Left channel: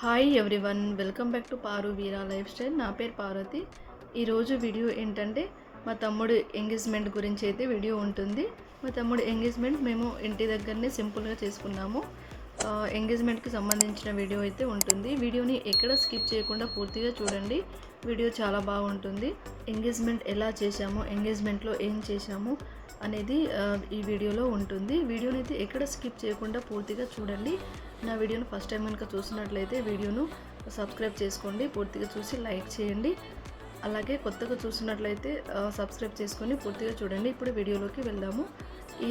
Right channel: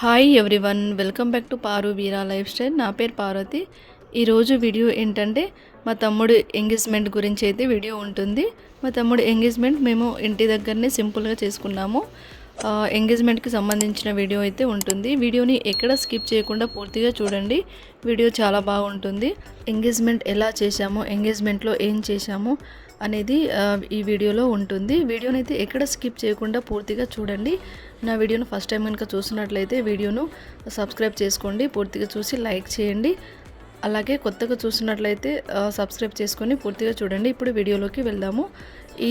Hi everyone, welcome back to Paru Veera life style. నా పేరు పార్వతి. ఈరోజు వీడియో ఏంటంటే మా తమ్ముడు ఎంగేజ్మెంట్ గురించి అయితే వీడియో ఉంటుంది. మా తమ్ముడు ఎంగేజ్మెంట్ మేము ఇంటి దగ్గరనే సింపుల్గా చేసుకున్నాము. ఎంగేజ్మెంట్కి సంబంధించిన వీడియో అయితే ఉంటుంది. వీడియోని ఎక్కడ స్కిప్ చేయకుండా పూర్తిగా చూడండి. వీడియో చాలా బాగుంటుంది. ఎంగేజ్మెంట్ ఎలా చేశాము, ఎంగేజ్మెంట్లో ఏం చేశాము అనేది ఈ వీడియోలో ఉంటుంది. వీడియోని అయితే ఎక్కడ స్కిప్ చేయకుండా పూర్తిగా చూడండి. నా వీడియోను ఫస్ట్ టైం కనుక చూసినట్లయితే వీడియోను సబ్స్క్రైబ్ చేసుకోండి, పూర్తిగా చూసి లైక్ చేయండి. అలాగే కొత్తగా చూసినట్లయితే సబ్స్క్రైబ్ చేసుకొని పూర్తిగా చూడండి. ఇప్పుడు వీడియోలోకి వెళ్దాము.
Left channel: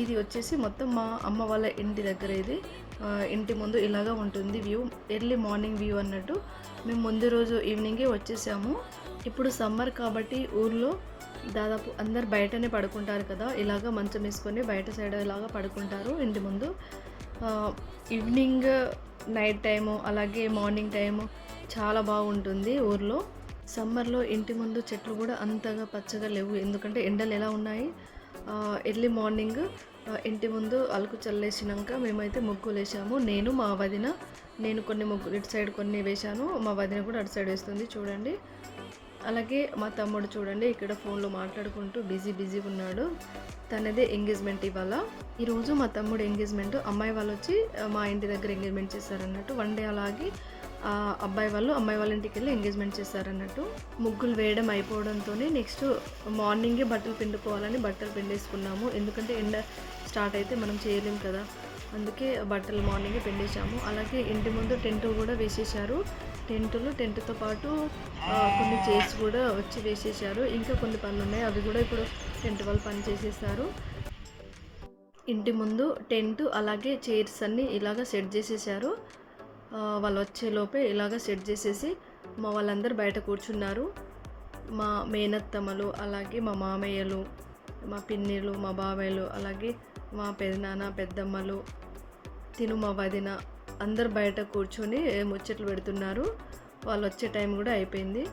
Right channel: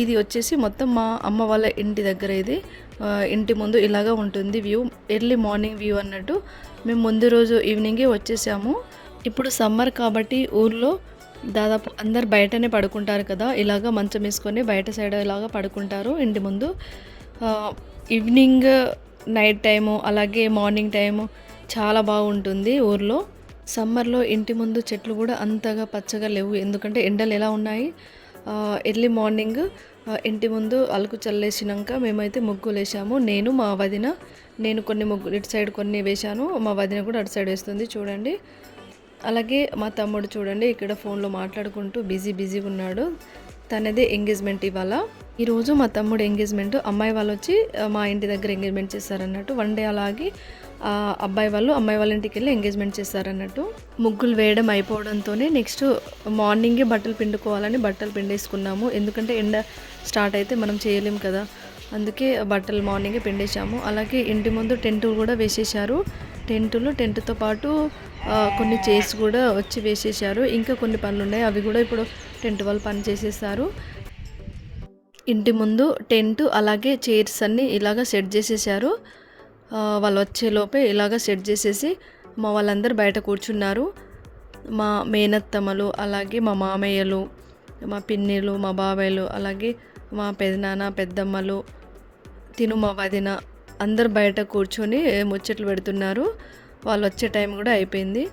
ఇది వచ్చేసి మొత్తం మా అమ్మ వాళ్ళ ఇంటి దగ్గర. ఇది ఇంటి ముందు ఇలాగా ఉంటుంది వ్యూ, ఎర్లీ మార్నింగ్ వ్యూ అన్నట్టు. మేము ముందు రోజు ఈవినింగే వచ్చేసాము. ఇప్పుడు సమ్మర్ కాబట్టి ఊర్లో దాదాపు అందరు బయటనే పడుకుంటారు కదా, ఇలాగ మంచం వేసుకొని బయట సైడ్ ఇలాగా పడుకుంటారు ఇంటి ముందు. ఈవినింగ్, నైట్ టైము, అలాగే మార్నింగ్ టైము చాలా బాగుంటుంది ఊర్లో. సమ్మర్లో ఇంటి ముందు చెట్లు కూడా అంతగా పచ్చగా లేవు, ఎందుకంటే ఎండలు ఎలా ఉన్నాయి. ఎర్లీ మార్నింగ్ ఇంటి ముందు అలుకు చల్లేసినాక మేమైతే ముగ్గులు వేసాము. నేను మా వదిన, నేను కొన్ని ముగ్గులు ఇటు సైడ్ కొన్ని వేశాను, మా వదిన కూడా అటు సైడ్ వేస్తుంది చూడండి. అలాగే మా తమ్ముడు చూడండి ఇక్కడ ఫోన్లో మాట్లాడుకుంటూ బిజీగా ఉన్నాడు. తనదే ఎంగేజ్మెంట్ ఇవాళ. ఈరోజు మా తమ్ముడు ఎంగేజ్మెంట్. అమ్మాయి వాళ్ళు వచ్చి మా ఇంటి దగ్గర ఎంగేజ్మెంట్ చేస్తారన్నట్టు. వన్ డే అలాగే అబ్బాయి వాళ్ళు అమ్మాయి వాళ్ళ ఇంటికి వెళ్ళి ఎంగేజ్మెంట్ చేస్తారన్నట్టు. ముగ్గులు వేయడం అయిపోవడంతోనే నెక్స్ట్ మార్నింగే బట్టలు పిండుకోవాలని బట్టలు పిండేసుకున్నాము. ఎందుకంటే ఎండ స్టార్ట్ అయితే మనం చేయలేం కదా, అందుకే బట్టలు మార్నింగే పిండేశాము. అలాగే ఇంటి ముందు టెంట్ కూడా వేసేశారు. టెంట్తో పాటు కొన్ని చైర్స్ కూడా వచ్చి వేసేశారు. ఇంకా కొన్ని పనులు ఉన్నాయి, అవి కూడా ఇప్పుడు టెంట్ వాళ్ళు పని చేసేసారు. ఇంటి ముందు టెంట్ అలాగే చైర్స్ అన్నీ ఇలాగ సెట్ చేసేసారు. వాళ్ళు వచ్చేలోపే ఇలాగ సెట్ చేసేసి మా వాళ్ళందరూ బయట కూర్చున్నారు. మా మేనత్తమ్మలు, అలాగే మా మామయ్యలు, మా పిన్నిలు, మా బాబాయ్లు, అలాగే మా పెదనాన్న, పెద్దమ్మలు, తిను మా వదిన అందరు బయట కూర్చొని ముచ్చట్లు పెడుతున్నారు. వాళ్ళు వచ్చే టైం కూడా అయిపోయింది.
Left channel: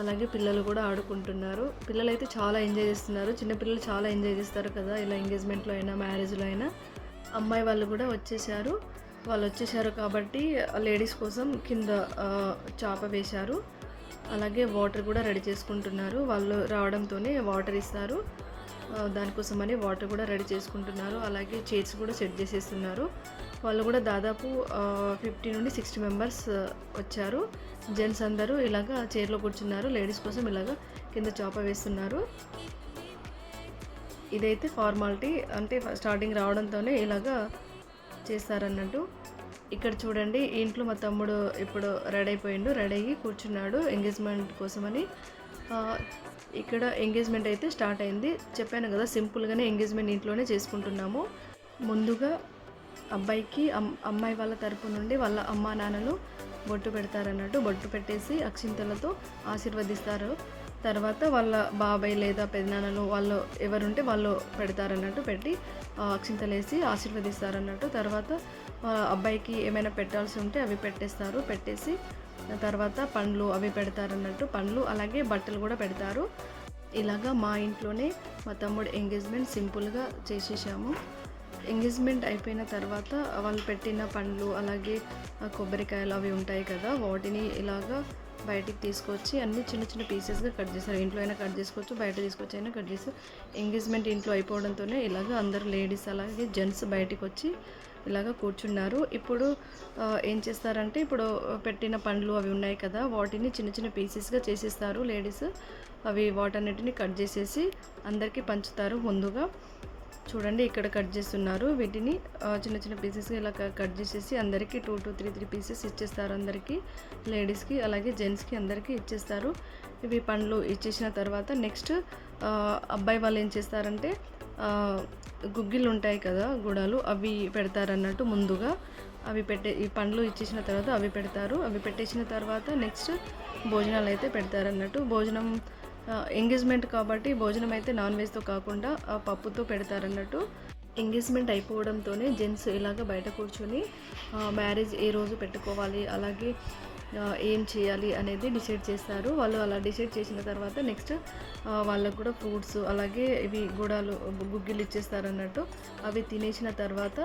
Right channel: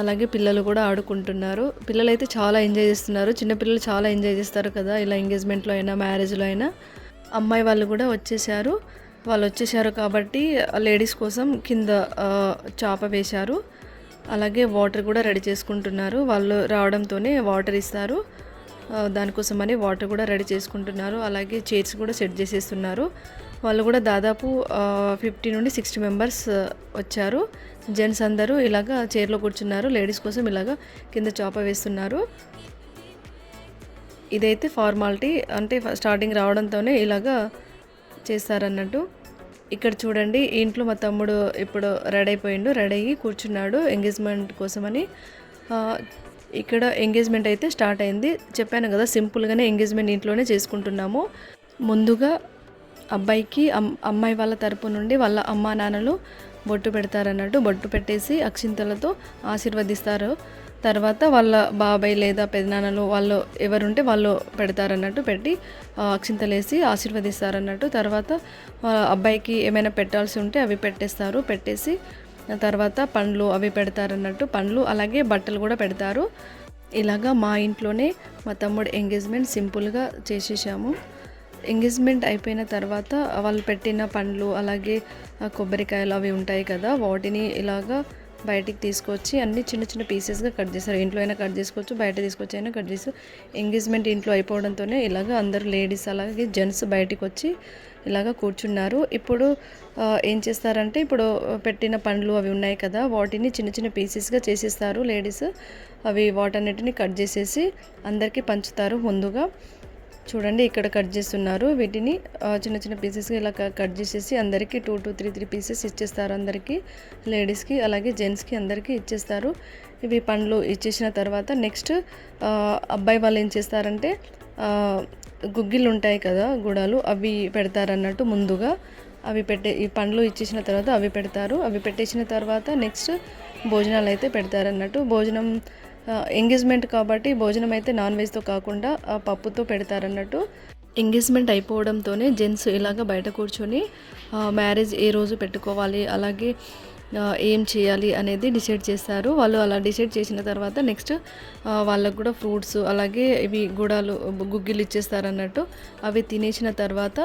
అలాగే పిల్లలు కూడా ఆడుకుంటున్నారు. పిల్లలు అయితే చాలా ఎంజాయ్ చేస్తున్నారు. చిన్నపిల్లలు చాలా ఎంజాయ్ చేస్తారు కదా, ఇలా ఎంగేజ్మెంట్లో అయినా మ్యారేజ్లో అయినా. అమ్మాయి వాళ్ళు కూడా వచ్చేసారు. వాళ్ళు వచ్చేసారు కాబట్టి లేడీస్ కోసం కింద చాప వేశారు. అలాగే వాటర్ కూడా రెడీ చేసుకుంటున్నారు. వాళ్ళు రావడంతోనే వాటర్ ఇస్తారు, దానికోసమని వాటర్ కూడా రెడీ చేసుకుంటున్నారు. అలాగే చైర్స్ కూడా సెట్ చేసేస్తున్నారు. వాళ్ళు కూడా దాదాపు 50 నుండి 60 మెంబర్స్ వచ్చారు. జెంట్స్ అందరూ ఇలాగా చైర్లో కూర్చున్నారు. లేడీస్ కోసం ఇలాగా కింద చాప వేస్తున్నారు. ఇదైతే ఫార్మాలిటీ, అంటే స్టార్టింగ్ రావడంతోనే ఇలాగా చేస్తారన్నట్టు. ఇక్కడ చూడండి, ఇంట్లో మా తమ్ముడు ఇప్పుడు రెడీ అయిపోయిండు, రెడీ అయ్యి కూర్చున్నాడు ఎంగేజ్మెంట్ కోసమని. ఇక్కడ ఎంగేజ్మెంట్ అయితే స్టార్ట్ అయింది. చెప్పాను కదా, సింపుల్గానే ఎంగేజ్మెంట్ ఇంట్లోనే చేసుకుంటున్నాము. ముందుగా అబ్బాయికి అమ్మాయి వాళ్ళ తరపు నుండి వాళ్ళ అమ్మా నాన్నలు బొట్టు పెడతారన్నట్టు. బొట్టు పెట్టేసి అక్షింతలతో ఆశీర్వదిస్తారు. తర్వాత వాళ్ళ బాబాయ్ లేదా పెదనాన్నలు వాళ్ళు ఎవరుంటే వాళ్ళు పెడతారన్నట్టు. పెట్టి అక్షింతలు వేసి ఆశీర్వదిస్తారన్నట్టు. తర్వాత అబ్బాయికి ఏమైనా పెట్టాల్సి ఉంటే అవి పెట్టేస్తారు. పెట్టేసి తర్వాత పండ్లు అవి పెడతారన్నట్టు. పండ్లు అలాగే బట్టలు కూడా పెడతారు. ఇలాగా మా ఇంట్లోనే మా తమ్ముడు ఎంగేజ్మెంట్ సింపుల్గా చేసేసాము. ఎంగేజ్మెంట్ అయిపోయిన తర్వాత వాళ్ళు పెట్టిన పండ్లు అలాగే కొబ్బరికాయలు అవి ఉంటాయి కదా, వాటిని ఇలాగా బయటికి తీసుకొచ్చి అన్ని చిన్న పీసెస్గా కట్ చేస్తారు. ఇంట్లో అయినా కట్ చేసుకోవచ్చు, బయట తీసుకొచ్చి అయినా కట్ చేస్తారు. ఎంగేజ్మెంట్ ఇంట్లో అయిపోవడంతోనే ఇలాగ అందరూ లేడీస్ అలాగే జెంట్స్ బయటికి వచ్చి ఇలాగ కూర్చున్నారు. ఇప్పుడు ఏం చేస్తారంటే, ఇప్పుడు పెట్టిన పండ్లు అవి ఉన్నాయి కదా, వాటిని చిన్న పీసెస్గా చేసేస్తారు లేడీస్. అవి వాటన్నిటిని కట్ చేసేసి అందరికీ పంచుతారు. ముందుగా చూడండి ఇక్కడ కట్ చేస్తున్నారు. వీటిని చిన్న పీసెస్గా ఇలా కట్ చేసేసి అందరికీ 2 to 3 పీసెస్ ఇచ్చేస్తారు. అందరికీ, లేడీస్కి అలాగే జెంట్స్కి అందరికీ ఇచ్చేస్తారు. ఇవి పండ్లు ఇచ్చేసిన తర్వాత నెక్స్ట్ అబ్బాయి వాళ్ళు ఏం చేస్తారంటే, గుగ్గిళ్ళు ఉంటాయి కదా, గుడాలు, అవి పెడతారన్నట్టు. ముందుగా అవి ఈ పండ్లు ఇచ్చేసిన తర్వాత అవి పెడతారు. అవి పెట్టేసిన తర్వాత నెక్స్ట్ భోజనాలు అయితే పెడతారన్నట్టు. భోజనం ఎంగేజ్మెంట్ కాబట్టి భోజనం అయితే నాన్ వెజ్తో కాకుండా పప్పుతో పెడతారన్నట్టు. ఎంగేజ్మెంట్ అయిపోవడంతోనే జెంట్స్ ఇలాగ బయట కూర్చొని మ్యారేజ్ ఏ రోజు పెట్టుకోవాలి, అలాగే ఏం చేయాలి అనేది డిసైడ్ చేస్తారు. వాళ్ళు అలా డిసైడ్ చేసిన తర్వాత నెక్స్ట్ వాళ్ళకు కూడా ఫ్రూట్స్ అలాగే ఇవి గుడాలు గుగ్గిలు ఇచ్చేస్తారన్నట్టు. అవి తినేసిన తర్వాత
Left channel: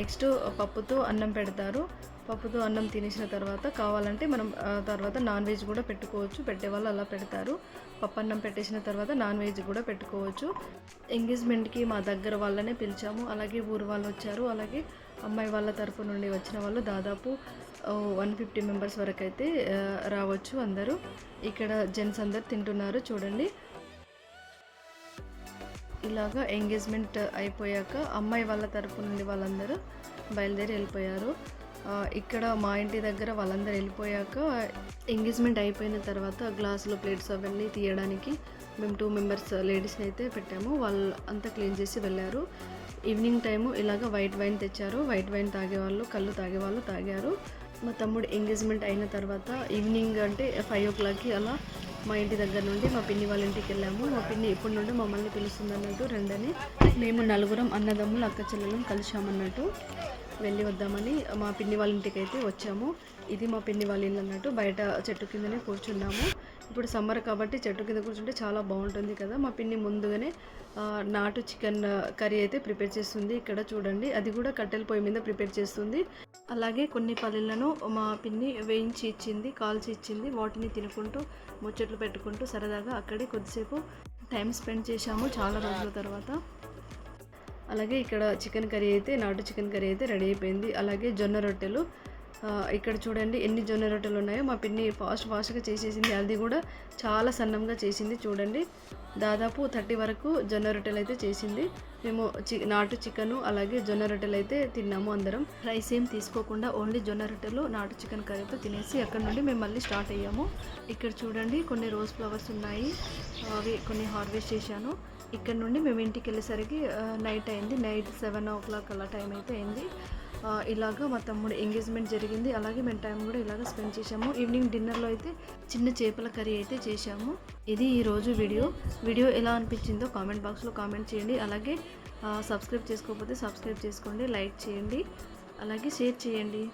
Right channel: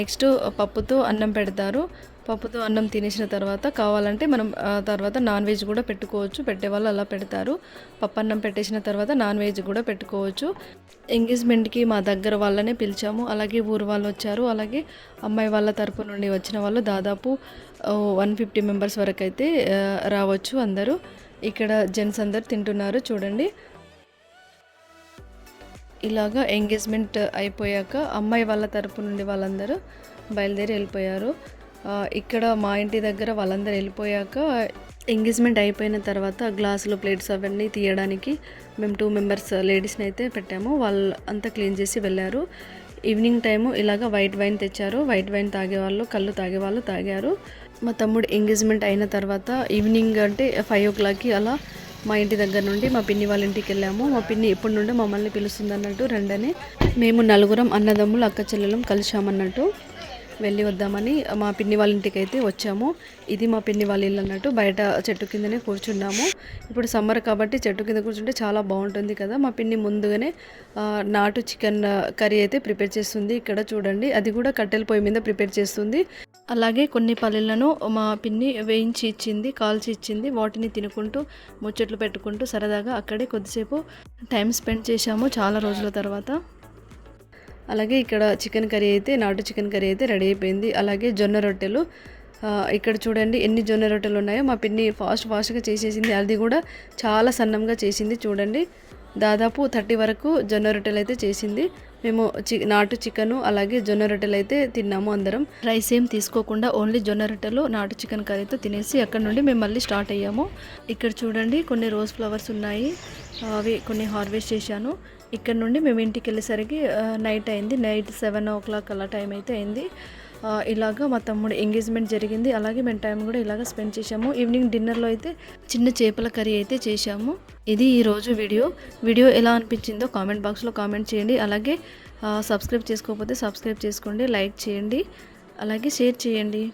నెక్స్ట్ పప్పుతో అన్నం పెడతారు. పప్పుతో అన్నం తినేసిన తర్వాత కావాలంటే మనం తర్వాత నాన్ వెజ్ కూడా పెట్టుకోవచ్చు. పెట్టేవాళ్ళు అలా పెడతారు. పప్పు అన్నం పెట్టేసిన తర్వాత నాన్ వెజ్ కూడా పెట్టుకోవచ్చు. ఎంగేజ్మెంట్కి మా దగ్గర వాళ్ళనే పిలిచాము. అలాగే ఊరు వాళ్ళు వచ్చారు. అలాగే అమ్మాయి వాళ్ళ తరపు నుండి వచ్చిన వాళ్ళు దాదాపు 150 మెంబర్స్ వరకు అయితే రావచ్చు అందరూ. ఇక్కడ జెంట్స్ అందరు తింటున్నారు చూడండి. ఇలాగా ఎంగేజ్మెంట్ అయిపోయాక అమ్మాయి వాళ్ళ తరపు నుండి వాళ్ళందరూ బయలుదేరి వెళ్ళిపోయారు. ఇక్కడ మా ఇంటి దగ్గర వాళ్ళందరూ వెళ్ళిపోయాక ఎంగేజ్మెంట్ అయిపోయిన తర్వాత గ్లాసులు ప్లేట్స్ అవన్నీ తీయడానికి మేము 2 మెంబర్స్ లేడీస్ని అయితే పెట్టాము. వాళ్ళు అంతా క్లీన్ చేసి వెళ్ళారు. ఈవినింగ్ టైము ఇలాగ వైట్ వైన్ తెచ్చారు. వైట్ వైన్ తాగేవాళ్ళు కళ్ళు తాగేవాళ్ళు తాగారు. మా తమ్ముడు ఎంగేజ్మెంట్ అయిన తర్వాత ఈవినింగ్ అంటే 5 o'clockకి అలా మా ఇంటి దగ్గర నుండి మా పిన్ని వాళ్ళ ఇంటికి వెళ్ళాము. మా పిన్ని ఎప్పటి నుండి మమ్మల్ని పిలుస్తుంది అన్నట్టు రండని మేము 4 అన్నదమ్ములు అక్క చెల్లెలం కలిసామన్నట్టు వెళ్ళి వద్దామని మా పిన్ని వాళ్ళ ఇంటికి అయితే వచ్చాము. ఇది మా పిన్ని వాళ్ళ ఇల్లు అన్నట్టు. బయట చెట్టు కిందనే కూర్చున్నాము. ఇప్పుడు సమ్మర్ కాబట్టి చెట్టు కింద కూర్చుంటే చాలా బాగుంటుంది కదా. మా పిన్ని ముందుగానే నాటు చికెన్ కర్రీ అయితే ప్రిపేర్ చేస్తుంది. ఇక్కడ చూడండి, అది కూడా కట్టెల పొయ్యి మీద ప్రిపేర్ చేస్తుంది. అలాగే కొన్ని పల్లీలను మా పిన్ని వేయించి ఇచ్చింది, కాల్చి ఇచ్చింది. వాటిని తినుకుంటూ ముచ్చట్లు పెట్టుకుంటూ సరదాగా అక్కడే కొద్దిసేపు టైం స్పెండ్ చేశాము చాలా రోజుల తర్వాత. అలాగే ఇక్కడ చికెన్ కర్రీ అయితే నాటు చికెన్ కర్రీ అయితే రెడీ అయిపోయింది. అలాగే జొన్న రొట్టెలు ఇక్కడ చూడండి ఎన్ని జొన్న రొట్టెలు ఉన్నాయో. మా పిన్ని ఫాస్ట్గా చేసేసింది. అది కూడా చాలా సన్నంగా చేసింది చూడండి. దాదాపు 30 వరకు జొన్న రొట్టెలు అయితే చేసింది. మేము నాటు చికెను అలాగే జొన్న రొట్టెలు అయితే తిన్నాము అందరం. రైస్ ఏం తీసుకోకుండా ఓన్లీ జొన్న రొట్టెలు నాటు చికెన్ కర్రీతో తినేసి అక్కడ నుండి మేము మళ్ళీ స్టార్ట్ అయ్యాము. ఇక్కడ చూడండి కొన్ని రోజ్ ఫ్లవర్స్ ఉన్నాయి. అవి కొన్ని హార్వెస్ట్ చేశాను. ఇక్కడ నుండి మేము ఇంటికి వెళ్ళేసరికి నైట్ అయింది. నైట్ 7 o'clock అలా టైం అయితే అయింది. ఇలాగ మా తమ్ముడు ఎంగేజ్మెంట్ జరిగింది. అలాగే మేము టైం కూడా ఇలాగ స్పెండ్ చేసాము. ఈవినింగ్ డిన్నర్లో అయితే చిన్న చేపల కర్రీ అయితే చేశాము. ఇది ఈరోజు వీడియో ఎలా అనిపించిందో కామెంట్ బాక్స్లో కామెంట్ చేయండి. అలాగే సబ్స్క్రైబ్ చేసుకోకపోతే సబ్స్క్రైబ్ చేసుకోండి, లైక్ చేయండి, అలాగే షేర్ చేయండి.